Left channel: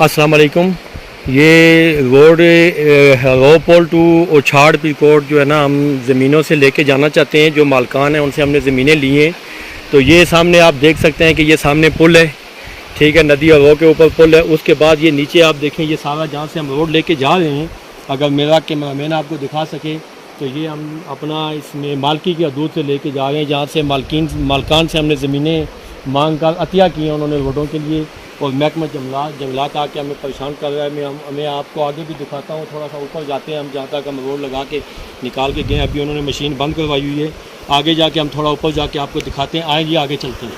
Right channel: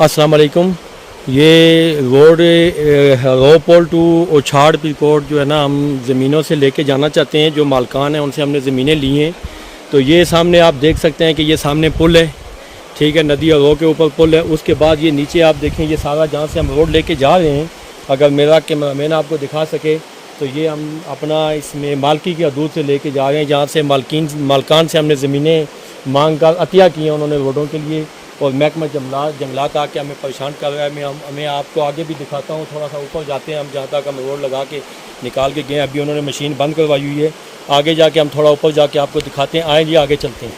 अस्सलाम वालेकुम। ये रोड रोपोल टू ओछाड़ पिरकोट जो है ना, हम ज़मीनों से लेके जाना चाहते हैं। जो मालकान हैं उनसे हमने ज़मीनें ली हैं। तो ये सामने आप देख सकते हैं कि ये सामने पुल है, ठीक है, नदी और रो के ऊपर पुल है। उसके बाद ये नीचे आप देखें, ये सारा जहाँ से हम रोड लेके जा रहे हैं, अगर मेरा कैमरामैन आपको दिखा सके तो ये हम अपना इसमें मालकी की हदूद से लेके जा रहे हैं, जहाँ से मालकान से हमने ज़मीनें मांग कर अतिया की हैं उन्होंने रोडों के लिए। और महकमा जंगलात आके हमें परेशान कर रहा है। मैं आपको आगे भी दिखाता हूँ, थोड़ा सा ऊपर जाते हैं हम, जहाँ तक हम रोड लगा के निकाल के गए। अभी उन्होंने मशीन बंद करवाई हुई है, आगे जाके हम थोड़ा ऊपर जाके आपको दिखाते हैं। आएँ जी, आगे चलते हैं।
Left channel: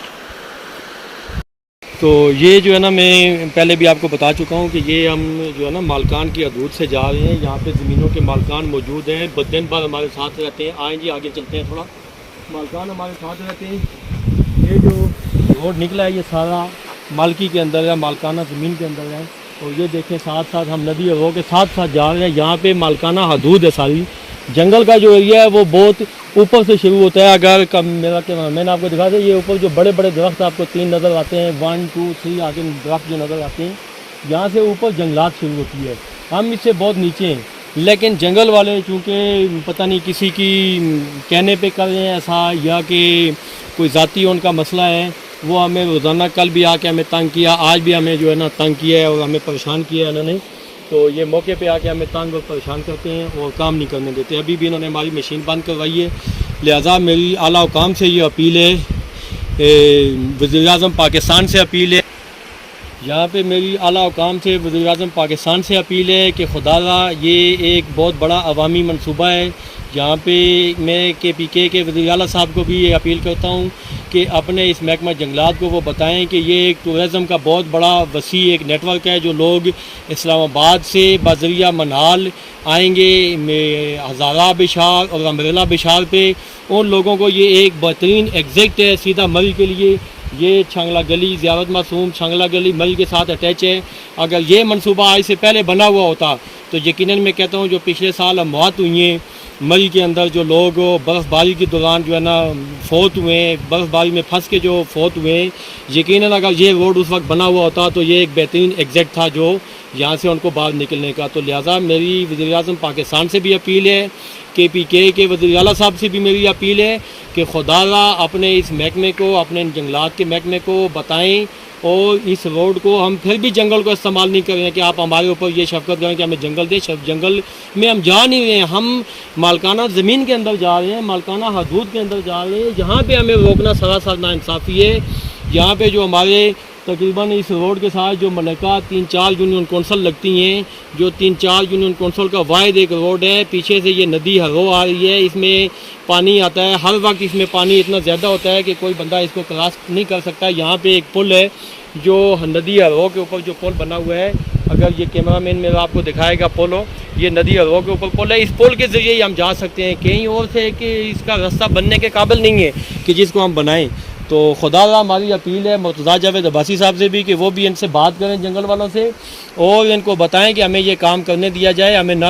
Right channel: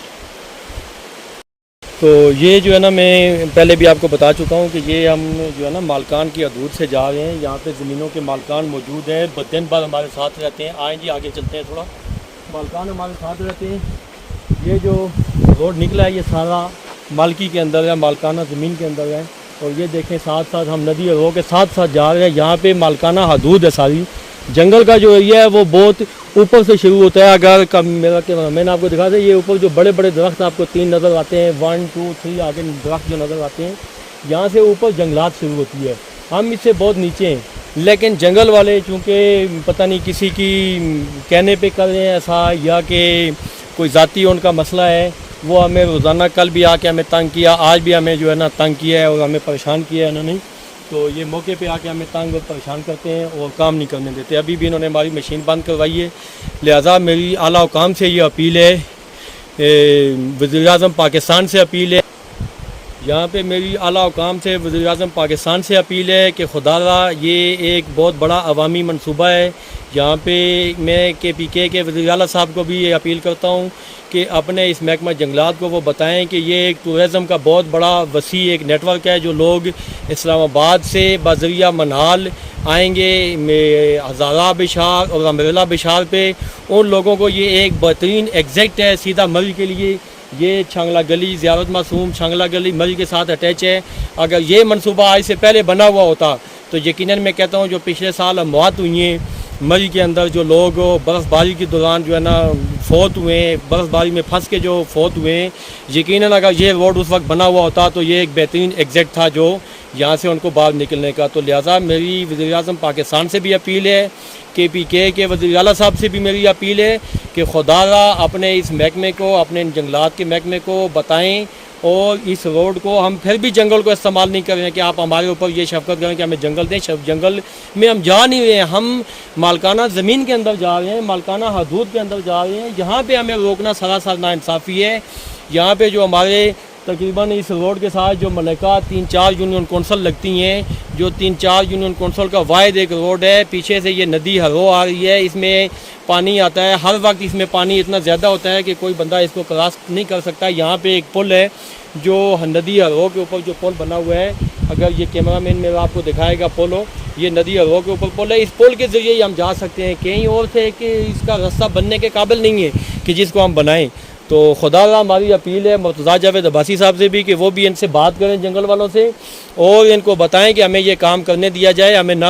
तो ये जो है ना, मैं पहले भी आपको बता चुका हूँ कि ये हम जो है ना मालकान की हदूद से जा रहे हैं। यहाँ पे ज़मीनों के मालकान मौजूद हैं, दिन भर हमारे साथ रहते हैं। आएँ जी, आगे चलते हैं। थोड़ा मालकान हमारे साथ रहते हैं। ये जो रोड निकला है ये सारा मालकी के अंदर है, मालकाना ज़मीन के अंदर है। और ये देखें, साथ साथ हम नदी और रोड के साथ साथ जा रहे हैं। यहाँ पे मालकाना हदूद है सारी। जंगल का जो एरिया है वो बहुत ऊपर से शुरू होता है। अगर मैंने आपको दिखा दें, ये ऊपर जो बड़े बड़े दरख्त आपको 3 नज़र आते हैं, 1 2 3 आगे दरख्त जो नज़र आते हैं, यहाँ से ऊपर जंगलात शुरू होती है। हम इससे बहुत नीचे हैं, लेकिन जंगल वाले चूँकि पता नहीं किसी की कहने पे कर रहे हैं ऐसा, या कि कोई ज़ाती उनका मसला है, वो हमें रोज़ाना, कल भी आके हमें तंग किया, आज भी हमें जो है ना तंग किया है और हमें परेशान किया है उन्होंने। तो ये मौके पे आके हमें तंग और परेशान करते हैं और काम नहीं करने देते। अभी भी इन्होंने हमारी मशीन बंद करवाई है। लिहाजा मेरी आला हुकाम से ये अपील है, वज़ीर-ए-आज़म पाकिस्तान से अपील है, यहाँ पे मेरी आला हुकाम से वज़ीर-ए-आज़म पाकिस्तान से अपील है कि खुदारा ये एक बहुत बड़ा अवामी मनसूबा है। यहाँ पे मैं KPK के वज़ीर आला साहब को भी ये अपील करता हूँ कि अपने इस महकमा जंगलात को वो बताएं कि ये एक टूरिज़म का बहुत बड़ा वसी एक नेटवर्क है। जो लोग इस्लामाबाद से बज़रिया मनहाल आएंगे हज़ारा बिशार और अम्ब्रेला बिशार पे, उन लोगों को ये एक बेहतरीन एग्जैक्ट है सीधा मरी के लिए। ये छांगला गली, ज़ियारत मासूम छांगला गली मरी के साथ अटैच है। अगर ये मनसूबा आज से पहले बना हुआ होता तो यकीनन मैं कहता हूँ जो पिछले साल अमवात हुई हैं मरी के अंदर, जो लोग बर्फ़बारी के दौरान जो है ना फौत हुए हैं, बर्फ़बारी में फंस के जो फौत हुए हैं, यकीनन अगर ये रोड उस वक्त बना हुआ होता तो ये एक बेहतरीन एग्जैक्ट था जो यहाँ से उनको बाहर निकलने का। तो लिहाजा मेरी वज़ीर-ए-आज़म पाकिस्तान से भी अपील है, KPK के वज़ीर आला साहब से भी मेरी अपील है कि खुदारा अपने इस महकमे को, अपने जंगलात के महकमे को बताएं और इस रोड को, हम फिर भी जंगल को इस्तेमाल नहीं कर रहे हैं कि आप हमारे ऊपर ये शफकत करें कि हमें जंगल दें। जंगल में हम जा नहीं रहे हैं, हम मालकाना ज़मीन के अंदर जा रहे हैं, मालकाना हदूद के अंदर जा रहे हैं। यहाँ पे हमें रोकना सरासर नाइंसाफ़ी है। यहाँ पे जो हमारे तकरीबन इस रोड के साथ जो मलका 3-4 यूनियन कौंसल लगती हैं, जो 3-4 यूनियन कौंसल का वाहिद एक रोड है। पीछे से ये नदी हरो आ रही है, इसमें पानी आता है, हर वक्त इसमें पानी इतना ज़्यादा होता है कि कोई बंदा इसको क्रॉस नहीं कर सकता। यहाँ पे एक पुल है, जो नदी हरो के ऊपर जो पुल बना हुआ है, अगर ये कैमरामैन मेरा आपको दिखाएगा पुल हो, ये नदी हरो के ऊपर पुल है। इस पुल के ज़रिए ही हम जा सकते हैं, कहीं और से कि इसका रास्ता बनने के काबिल नहीं है कि जिसको हम बनाएं। तो खुदा हमारी अपील है मुर्तज़ा जावेद अब्बासी साहब से भी कि वो भी इनसे बात करें जंगल वालों से और इनको बताएं कि हमें ये काम करने दिया जाए, हमें ना